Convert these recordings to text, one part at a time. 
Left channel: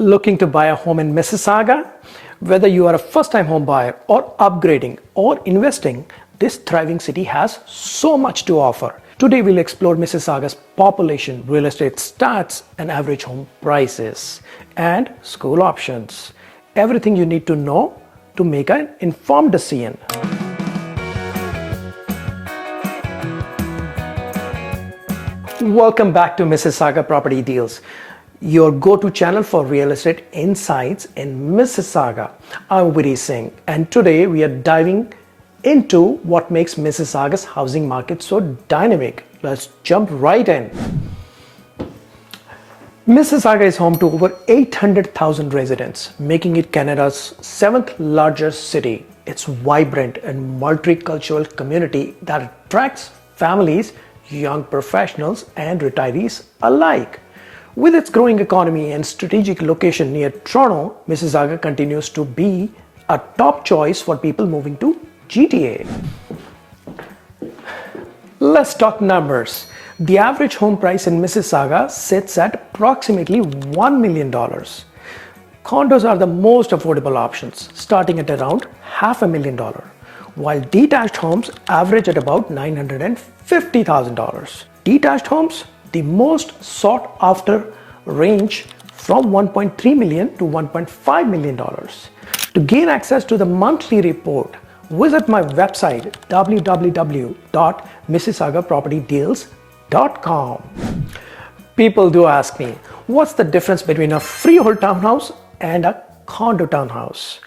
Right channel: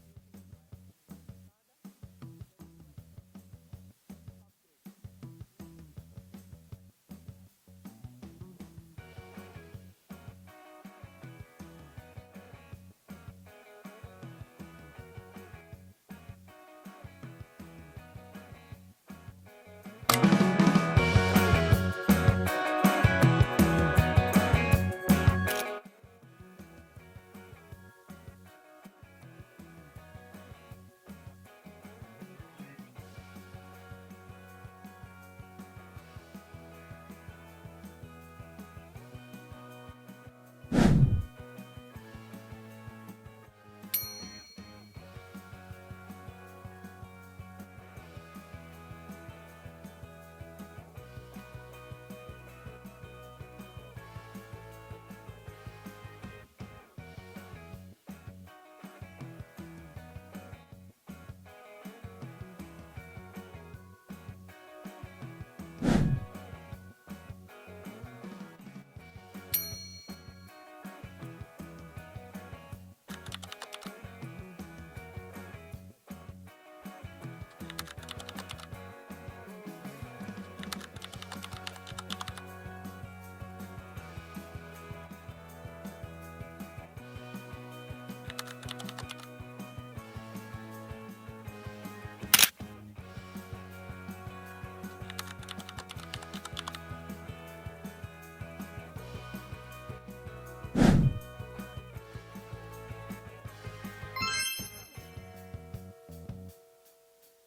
Looking to buy a home in Mississauga? Whether you are a first-time home buyer or upgrading or investing, this thriving city has so much to offer. Today we'll explore Mississauga's population, real estate stats, and average home prices, and school options. Everything you need to know to make an informed decision. Welcome back to Mississauga Property Deals, your go-to channel for real estate insights in Mississauga. I'm Viri Singh, and today we are diving into what makes Mississauga's housing market so dynamic. Let's jump right in. Mississauga is home to over 800,000 residents, making it Canada's 7th largest city. It's a vibrant and multicultural community that attracts families, young professionals, and retirees alike. With its growing economy and strategic location near Toronto, Mississauga continues to be a top choice for people moving to GTA. Let's talk numbers. The average home price in Mississauga sits at approximately $1 million. Condos are the most affordable options, starting at around $500,000, while detached homes average at about $950,000. Detached homes, the most sought after, range from $1.3 million to $1.5 million. To gain access to the monthly report, visit my website www.mississaugapropertydeals.com. People do ask me, what's the difference between a freehold townhouse and a condo townhouse?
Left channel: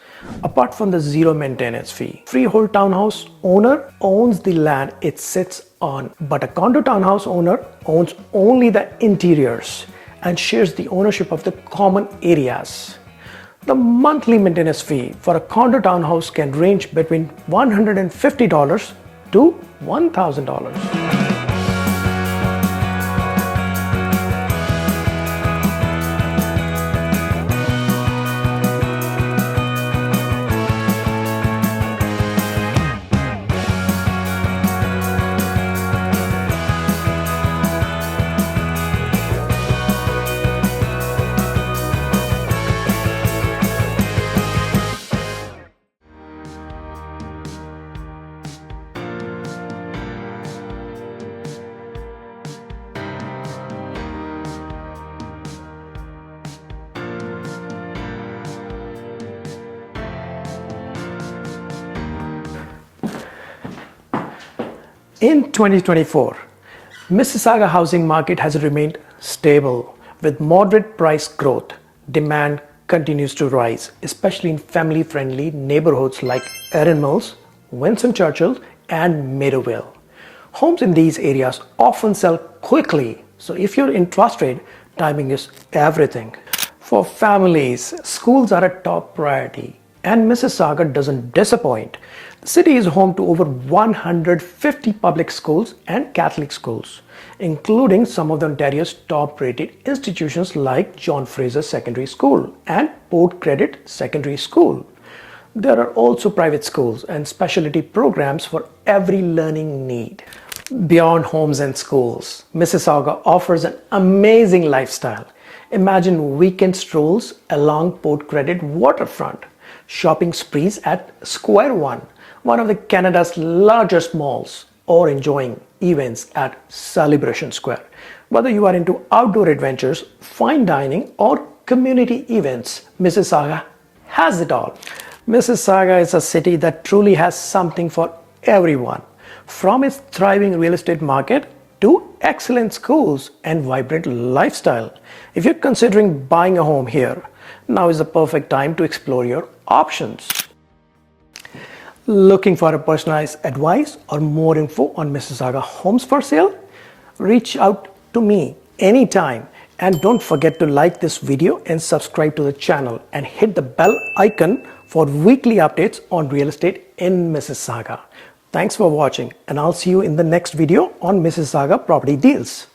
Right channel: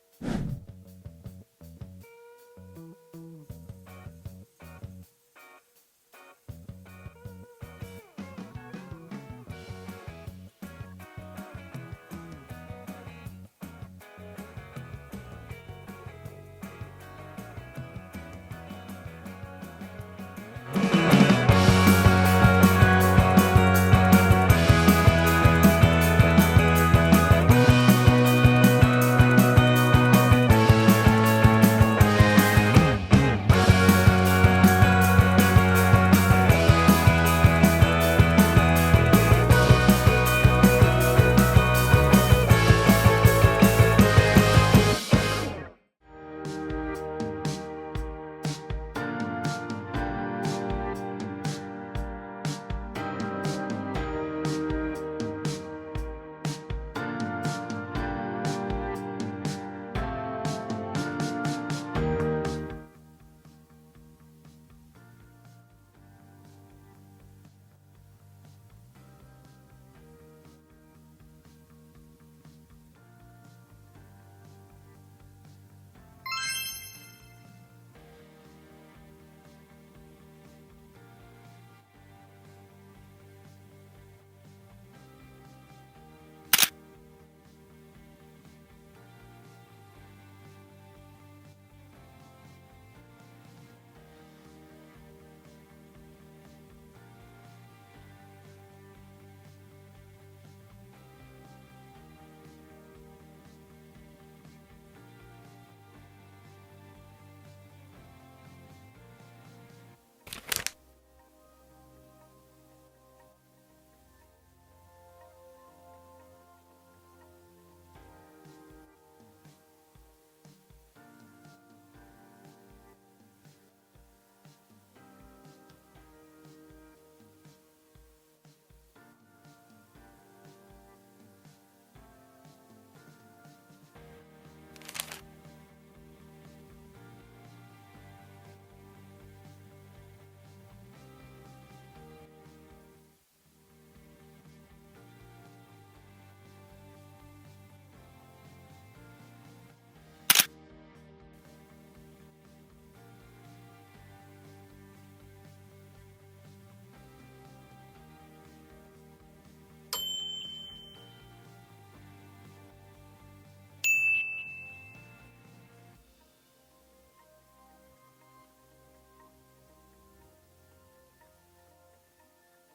Apart from the zero maintenance fee, freehold townhouse owner owns the land it sits on, but a condo townhouse owner owns only the interiors and shares the ownership of the common areas. The monthly maintenance fee for a condo townhouse can range between $150 to $1,000. In 2024, Mississauga housing market has remained stable with moderate price growth. Demand continues to rise, especially in family-friendly neighborhoods like Erin Mills, Winston Churchill, and Meadowville. Homes in these areas often sell quickly, so if you're interested, timing is everything. For families, schools are a top priority, and Mississauga doesn't disappoint. The city is home to over 150 public schools and Catholic schools, including some of Ontario's top-rated institutions like John Fraser Secondary School and Port Credit Secondary School. There are also private schools and specialty programs for every learning need. Beyond homes and schools, Mississauga offers an amazing lifestyle. Imagine weekend strolls along Port Credit waterfront, shopping sprees at Square one of the Canada's largest malls, or enjoying events at Celebration Square. Whether you are into outdoor adventures, fine dining, or community events, Mississauga has it all. Mississauga is a city that truly has something for everyone, from its thriving real estate market to excellent schools and vibrant lifestyle. If you're considering buying a home here, now is the perfect time to explore your options. Looking for a personalized advice or more info on Mississauga homes for sale? Reach out to me anytime, and don't forget to like this video and subscribe to the channel and hit the bell icon for weekly updates on real estate in Mississauga. Thanks for watching, and I'll see you in the next video on Mississauga Property Deals.